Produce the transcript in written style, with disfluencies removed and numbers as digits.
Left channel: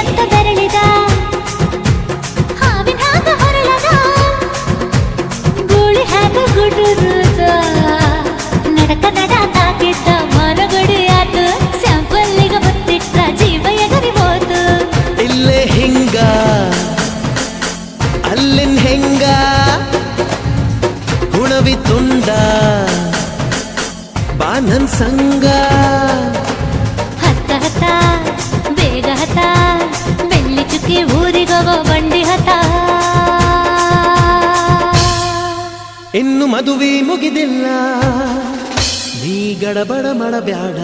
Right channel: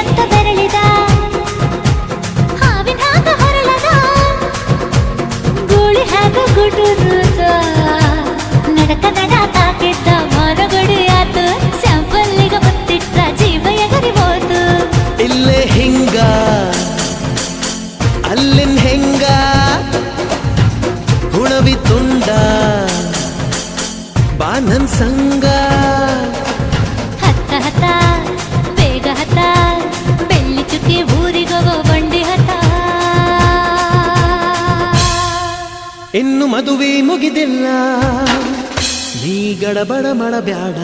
ಅಂತ ಬೆರಳಿದ ಹಾವಿನ ಹಾಗ ಹೊರಳದ ಗೂಳಿ ಹಾಗ ಗುಡುರುದ ನಡಕ ನಡ ತಾಕಿದ್ದ ಮರಗಡಿ ಆತು ಸ್ಯಾಂಪಲ್ಲಿಗ ಮುತ್ತಿಟ್ಟ ಜೀವ ಎಗರಿ ಹೋತು ಇಲ್ಲೇ ಹಿಂಗ ಅಲ್ಲಿನ್ ಹೆಂಗ ಹುಣವಿ ತುಂಡ ಬಾ ನನ್ ಸಂಗ ಹತ್ತ ಹತ್ತ ಬೇಗ ಹತ್ತ ಬೆಳ್ಳಿ ಚುಕ್ಕಿ ಊರಿಗವ ಬಂಡಿ ಹತ್ತ ಇನ್ನು ಮದುವೆ ಮುಗಿದಿಲ್ಲ ನೀ ಗಡಬಡ ಮಾಡಬ್ಯಾಡ